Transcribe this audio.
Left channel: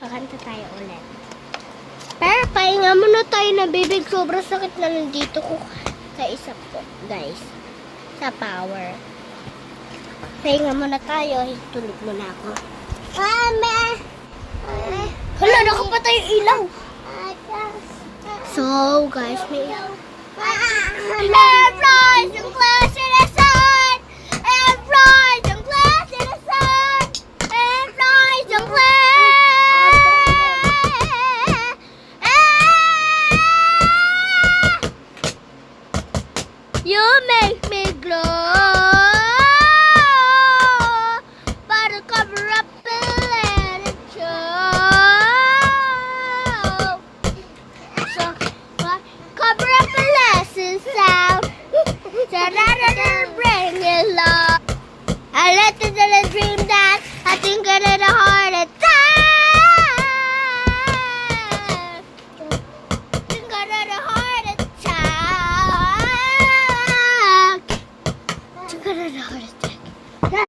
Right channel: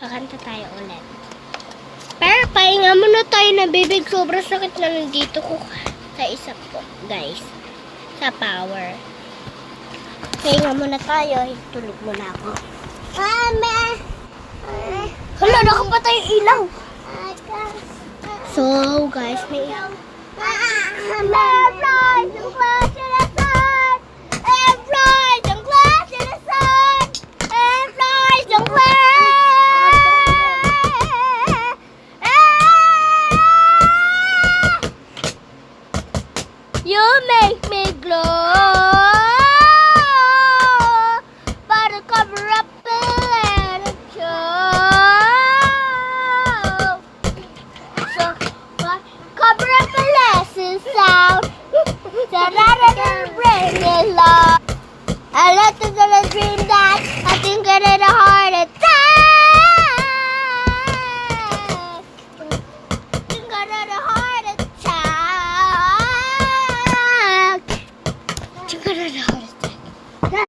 Kakanta tayo ulit. Pero pahinga muna tayo na bibig. Sobrang sakit na nandito ko sa isa po, guys. Sa power. Pahinga muna tayo. Tulog muna ako. Mama! Hala, nakapatay yung ilaw. So, guys, may... Flies and close to the sun. And flies and close to the sun. And flies and close. You make me glow. But to cover up the letter show. So, cover up the lesson sound. So rather than bring it low. I let it in a dream that I think I did a heart attack. Think I did a heart attack. Think I did a heart attack.